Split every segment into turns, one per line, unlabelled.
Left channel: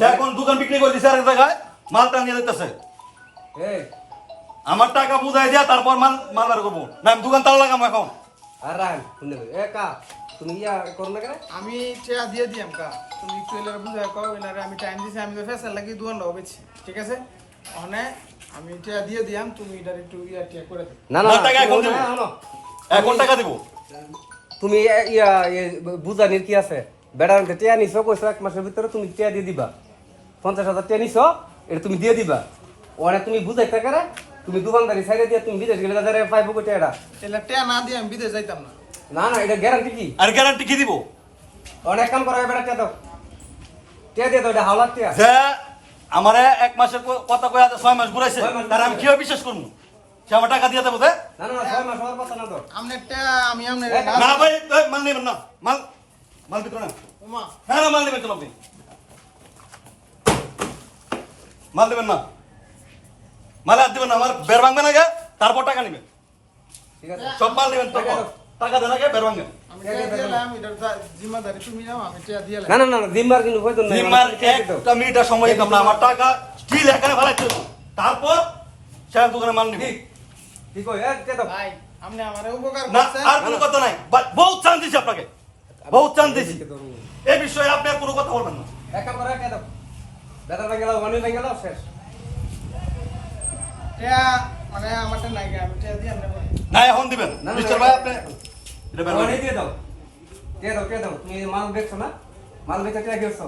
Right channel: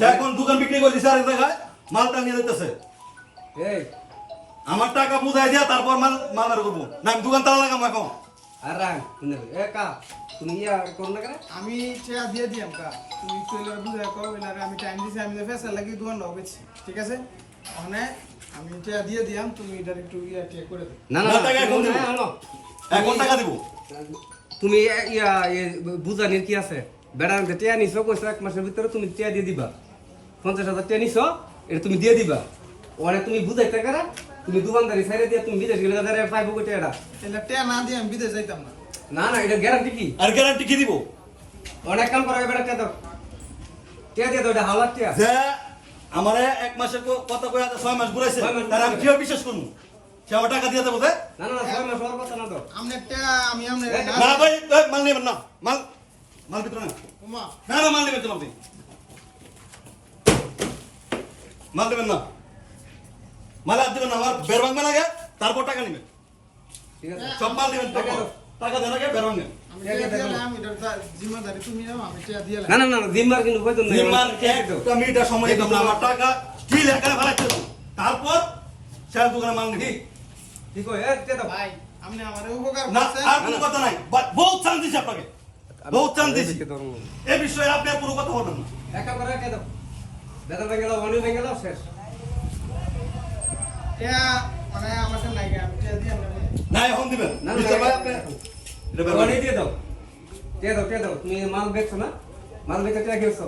সে এখন দোকান বিক্রি করে দিছে আরেক জায়গায় মালটা নিয়ে যেতেছে
এই।
আমার টাকা বুঝাই দিয়া তারপর মাল মাল বের করব। না আমি দোকান তালা লাগাম এখন।
আর রাখ শুনে এ কা তুমি ইয়া করো না কেন?
আমি টিয়া দিয়ে দিয়াম কা। তুমি বুঝাই কও এলার আমি টাইম দিছি আমি তো ফেসাল লাগি দোকান হবেছি ঠিক আছে? মানে আমি টিয়া দিয়ে দিয়াম তুমি এটার একটু ইয়া টিয়া করে দিও।
না না
টাকা এখন
তুমি
দেবো। এখন টাকা দিব।
তুমি ইয়া ইয়ে বুঝানির কি আছে? বেড়ার টিয়া নিছো কইছো এক মাসের ভিতরে তুমি টিয়া দিয়ে দিবা। পঞ্চাশ হাজার নিছো এটা তুমি দিয়ে দিবা। অনেক তুমি বুঝাইতে পারে তুমি দোকানদারি সাইডে দিয়ে তুমি বিদেশ গেলে তাদের পাইবো কোটি এটা।
টিয়া না দিয়ে আমি বিদেশ যাইতাম না।
না না এটা গ্যারান্টি কি?
আর গ্যারান্টি কি দিব?
অনেক কাম করো এবার টিয়া দাও। টিয়া দিয়ে দাও এটা হাওলার টিয়া।
আমারে এক মাসের ক- কথা কয়ে ছয় মাস ঘুরাইছে
মাস
আর আমি কীভাবে বিশ্বাস করব সে আমার টাকা দিয়ে দেবো
না না না ছয় মাস হওয়ার কথা না তো।
আমনে টিয়া আমি আমনে
না ভাই মাল নেবেন না। মাল মাল বিক্রি না। হ্যাঁ মাল নেবেন চলো আপনি। মাল দেবেন না। মাল আর দেবেন না আমার বের ভাঙবেন আগে তারপর টাকা নেবেন।
ঠিক আছে।
সব মাল দেবেন টাকা
টাকা
দেন আগে বের ভাঙবেন।
আমি টিয়া দিলাম এটার যা- জিম্মাদারি তুমি নাও আমি টিয়া দিয়ে
না না না না, কিন্তু হয়তো না
নির্মাণ
টিয়া দিয়ে দাও
একটা মিনিটের সময় আমার টাকা স্টিল এখানে। তারপর দোকানে মাল
ঠিক। দাও।
ভাই আপনি আমারে উপকার করছেন।
আর কোনো কথা নাই। বহুত চান্স দিছি আপনাকে। বহুত চান্স দিছি।
টিয়া দাও।
এই বিষয়ে আপনি আর কোনো কথা বলবেন না।
এক দাও। বেতন ভেঙে দাও অনেক ভেঙে দাও শেষ।
মানে আমারটা নাই আমি দিয়ে
না এখন দিবেন। মিস্টার ভাই আপনি এটা বের
অনেক দিয়ে দাও। দিয়ে দাও দিয়ে দাও। তুমি মাল বেচছো না? মাল বেচে টিয়া গেছো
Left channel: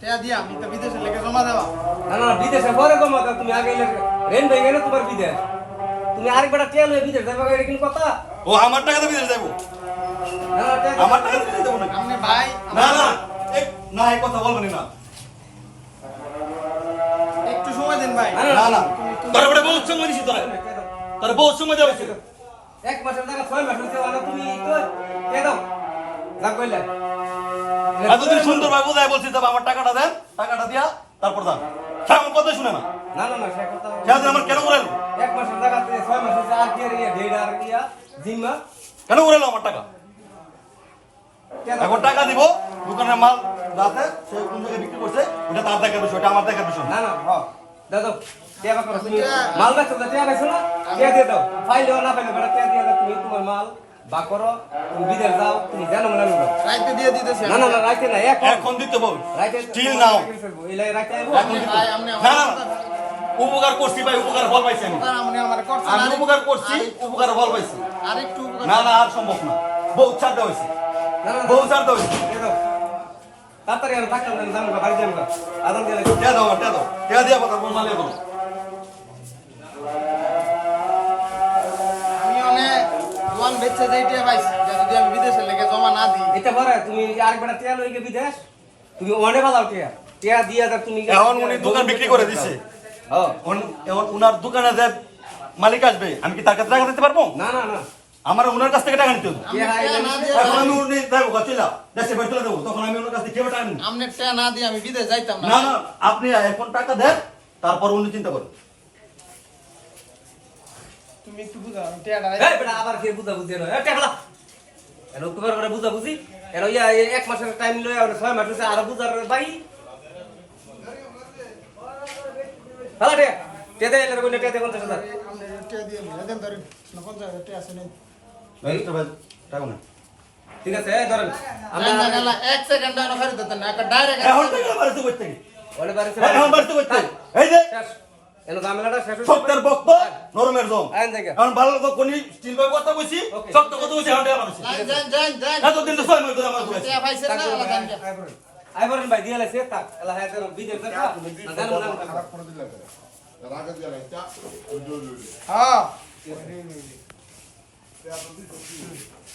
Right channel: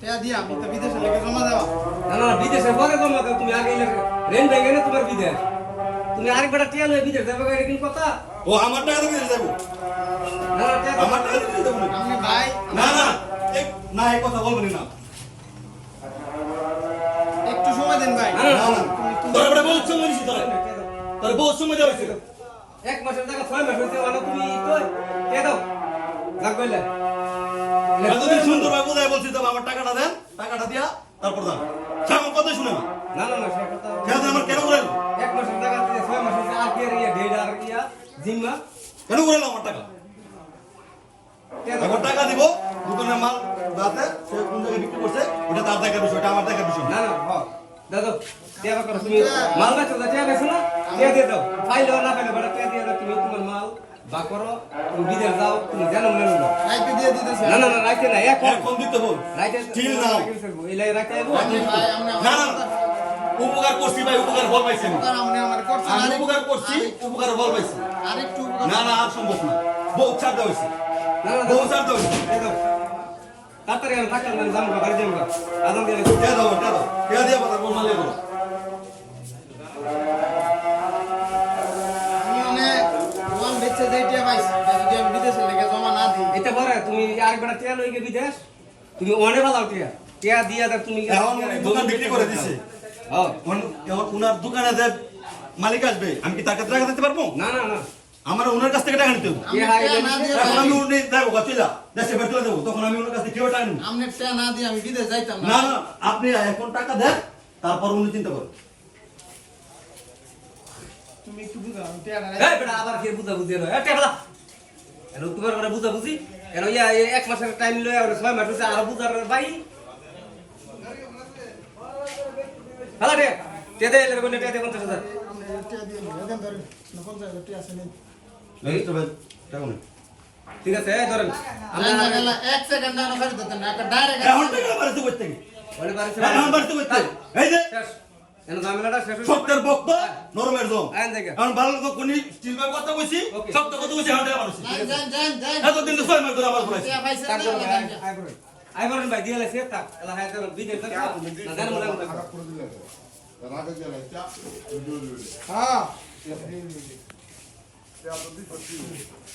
টিয়া দিয়ে আমি তো বিদেশে লেগে জমা দেওয়া।
না বিদেশে পরে জমা দাও তুমি আগে রেন ভেঙে না তোমার বিদেশ। তুমি আরেকবার টিয়া লয়ে বিদেশ যাবে এটা কিন্তু কথা?
ও আমার টাকা তো বিদেশ যাব
না
আমার টাকা তো যাব নাকি?
আপনি ভাই
না না না এই কথা বলবেন না। তোর বড় বহুত সময় নিছি তোর।
দাও।
তোর বহুত সময় দেওয়া হয়েছে
এক মাসের জায়গা ছয় মাস হয়েছে মানে তুমি কই টিয়া দাও? যা কইলে।
এতদিন সুন্দর ভাই বুঝাই বলছি তবে আমার টাকাটা দেন টাকাটা দিয়া তারপর দাম সে আমার কথা শুনে না।
না না না সে কথা
সে আমার কেন উড়াইলো
এক মাসের জায়গা ছয় মাস হয়েছে আর কি ইয়ে ঢের আর ইয়া জিম্মা?
কেন উড়াইলো আমার টাকা? এখন টাকা দিব দোকানের মাল যাতে সে কোন জায়গায় বিক্রি করছে ওটা তার দেখার বিষয় ওটা আমার দেখার বিষয়। না
না না হ। দাদা টিয়া করো তুমি মাল বেচো না টিয়া বেচো না? টিয়া দিয়ে দাও। ফাইলেও না ফাইলে বেটা টিয়া দিয়ে দাও। তুমি তোমার মাল বা করো তুমি বিদেশ যাও তুমি জানো না না।
রাইতে দিয়ে দিতেছে।
না না না রাইতে না এখন
এখন দিতে বল
রাইতে
স্টিল নাও
এলাই রাইতে আইবো?
আপনি ভাই আপনি
না না না। উপকার করছি ভাই উপকার ফল পাইছি আমি
উপকার
করছি উপকার ফল পাইছি।
আরেকটু
না না আর সম্ভব না। বহুত ছাড় দেওয়া হয়েছে।
না না
ছাড় দেওয়া হয়েছে।
তাড়াতাড়ি আমি থাকতাম না জানো বাড়ি যাব আদান দিয়ে
কে দাও কে দাও? কে দিয়া কথা বল মালিয়ে দাও
আমি অনেক ওয়ান বেচে যাইতে পাইছি যদি আমি বিদেশে লেগে জমা না দিই।
এটা পরে তুমি আরেকবার বিদেশ। তুমি অনেক ভালো টিয়া। টিয়া দিয়া দাও তুমি
এখন উনি দোকান বিক্রি করে দিছে।
হ্যাঁ
উন- এখন উনার দোকানে যে মালিক আসবে আমি কি তার কাছে টাকা দিতে পারব?
না না না।
আমার ওনার কাছ থেকে টাকা নিতে হবে।
আমি
হ্যাঁ,
এখন আমি উনি দেখো চলে দেশে বের চলে দেবো তখন আমি ওনার কাছ থেকে কেউ টাকা নিব?
আপনি টিয়া না দিয়ে আমি বিদেশ যাইতাম
না।
না
না আপনি এখন টাকা দেন তারপর উনি চিন্তা করেন
তুমি একটু বুঝাও আমি টিয়াটা
এই বেটা আবার কি বুঝা বুঝি না এনো তোমার করে বুঝা বুঝি ইয়া এক মাসের টাইম লয় আর ছয় মাস হইছে আর বুঝার বাই এলে কোনে টিয়া দে 50000
টিয়া দিয়ে দিলে দেন না আছে
টাকা নেই
ঠিক আছে ধরেন
এক সেকেন্ড
এখন বাড়িতে করতে এই যে। শক্তের বক্ত নরমের জম। এখন ভালো লোক কোনি স্টিল ভাবে কথা কইছি. শক্ত কথা কইছি এখন এতদিন তো ছয় মাস ধরে আমার ঘুরাইছে।
আইবরেন আইবরেন ভাই দিয়ে লাইছে থাক। এলা হায় দেন বিজে না জানো না
হ্যাঁ। Te adubito aqui.